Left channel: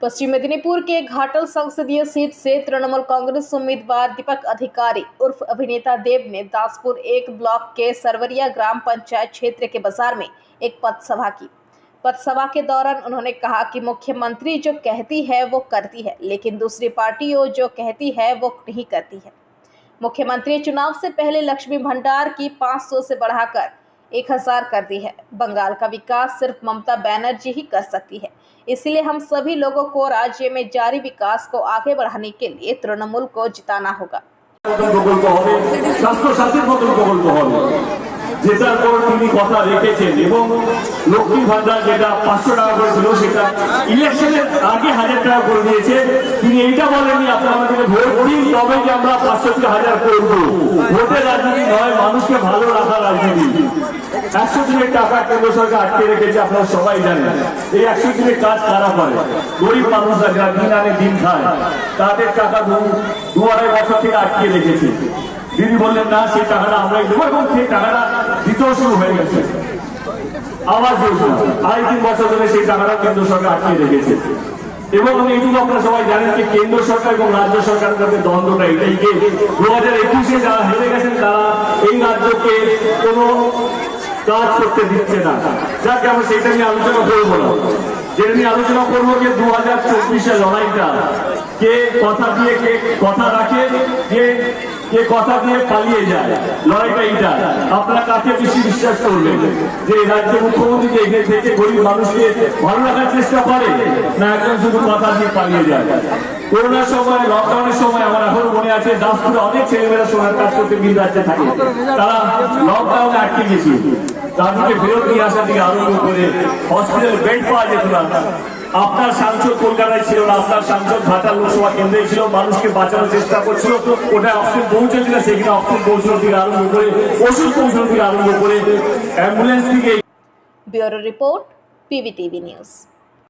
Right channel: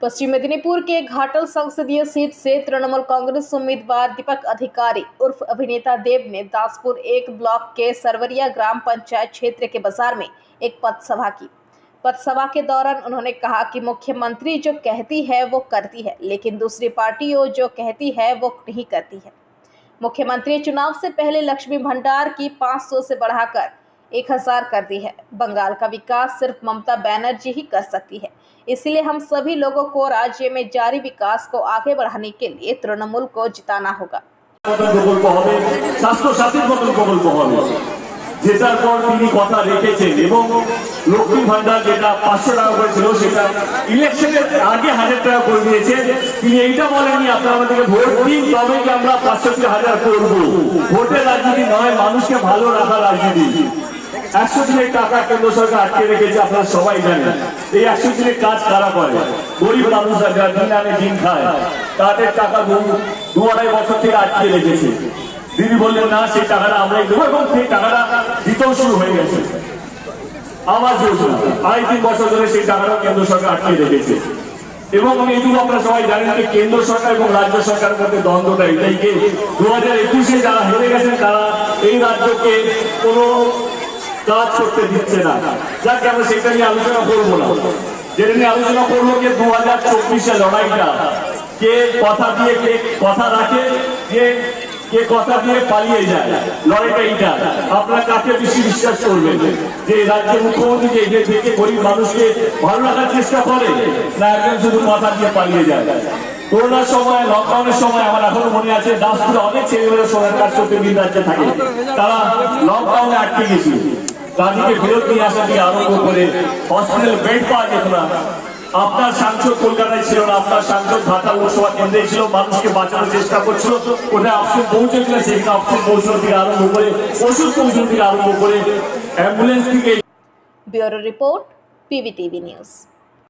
पश्चिम मेदिनीपुर के घाटल संसदीय सीट से तृणमूल कांग्रेस उम्मीदवार दीपक अधिकारी उर्फ अभिनेता देव ने दासपुर एक ब्लॉक के सरवरिया ग्राम पंचायत क्षेत्र के बाजार में एक पथसभा की। पथसभा के दौरान उन्होंने कहा कि मुख्यमंत्री जो कहती है वो करती है, लेकिन दूसरी पार्टियों जो कहती है वो नहीं करती है। मुख्यमंत्री चुनाव से पहले लक्ष्मी भंडार की 500 से बढ़ाकर 1000 कर दी है। बंगाल का विकास सिर्फ ममता बनर्जी ही कर सकती है, इसलिए हम सभी लोगों को राज्य में जारी विकास को आगे बढ़ाने के लिए तृणमूल को जिताना होगा। যেটার পর তিনি কথা রেখেছেন এবং লক্ষ্মী ভান্ডার যেটা 500 টাকা করে ছিল সেটা ইলেকশনের আগে 1000 টাকা করে দিয়েছে। তিনি এইটা বলেননি আপনারা আমাদেরকে ভোট দিন তবে কি আমরা 500 থেকে 1000 করব। ভোটের রাজনীতি নয়, মানুষকে ভালো রাখার রাজনীতি। 100 দিনের টাকা কেন্দ্র সরকার আটকে রেখেছে, আপনারা সবাই জানেন। এই 100 দিনের কাজ কারা করে? গরিব মানুষরা যারা দিন আনে দিন খায়, তাদের টাকা 2-2.5 বছর থেকে আটকে রেখেছে। তিনি বললেন না সেই টাকাটা আমরাই দেবো এবং সেই টাকাটা দিতেও শুরু হয়ে গেছে। আবাস যোজনা 2.5-3 বছর ধরে সেই টাকাটা কেন্দ্র সরকার আটকে রেখেছে এবং এইটুকু আপনারা সবাই জানেন যে কেন্দ্র সরকার এবং রাজ্য সরকারের মধ্যে দ্বন্দ্বটা এটাই যে 2021-এ যারা হেরে গেছেন তারা এই রাজ্যকে কোনো কাজ করতে দিচ্ছে না। যাকে আমরা সেটা নিয়ে আলোচনা করবো না, যেটা নিয়ে আলোচনা করবো যে 2024-এ লড়াইটা কে কথা দিয়ে কে কথা রাখে, কে কথা দিয়ে পালিয়ে যায়। লড়াইটা এইটা আপনারা কাকে বেশি বিশ্বাস করবেন, যে রাজ্য মুখ্যমন্ত্রী যে এগিয়ে থেকে গরিব মানুষকে ভালো রাখার চেষ্টা করে, না একজন শুধু কথা দিয়ে পালিয়ে যায়। করোনার সময়, লকডাউনের সময় আমার এখনো মনে আছে দাসপুরে অনেক ছেলেমেয়েরা সোনার কাজ করতে ভিন রাজ্যে থাকে, তারা লকডাউনে আটকে গেছিল। তাদেরকে ফেরত নিয়ে আসা থেকে আরম্ভ করে হসপিটাল বেড পাওয়া যেত না। আপনার সাংসদ কলকাতায় ছিল না, আপনার সাংসদ ঘাটাল লোকসভা কেন্দ্রে ছিল, মানুষকে বাঁচানোর চেষ্টা করছিল। ওটা অপশন পৌঁছেছিল, সেখানে অপশন পৌঁছানো থেকে আরম্ভ করে ওষুধ পৌঁছানো থেকে আরম্ভ করে অ্যাম্বুলেন্স থেকে। Bureau report, PVTV news.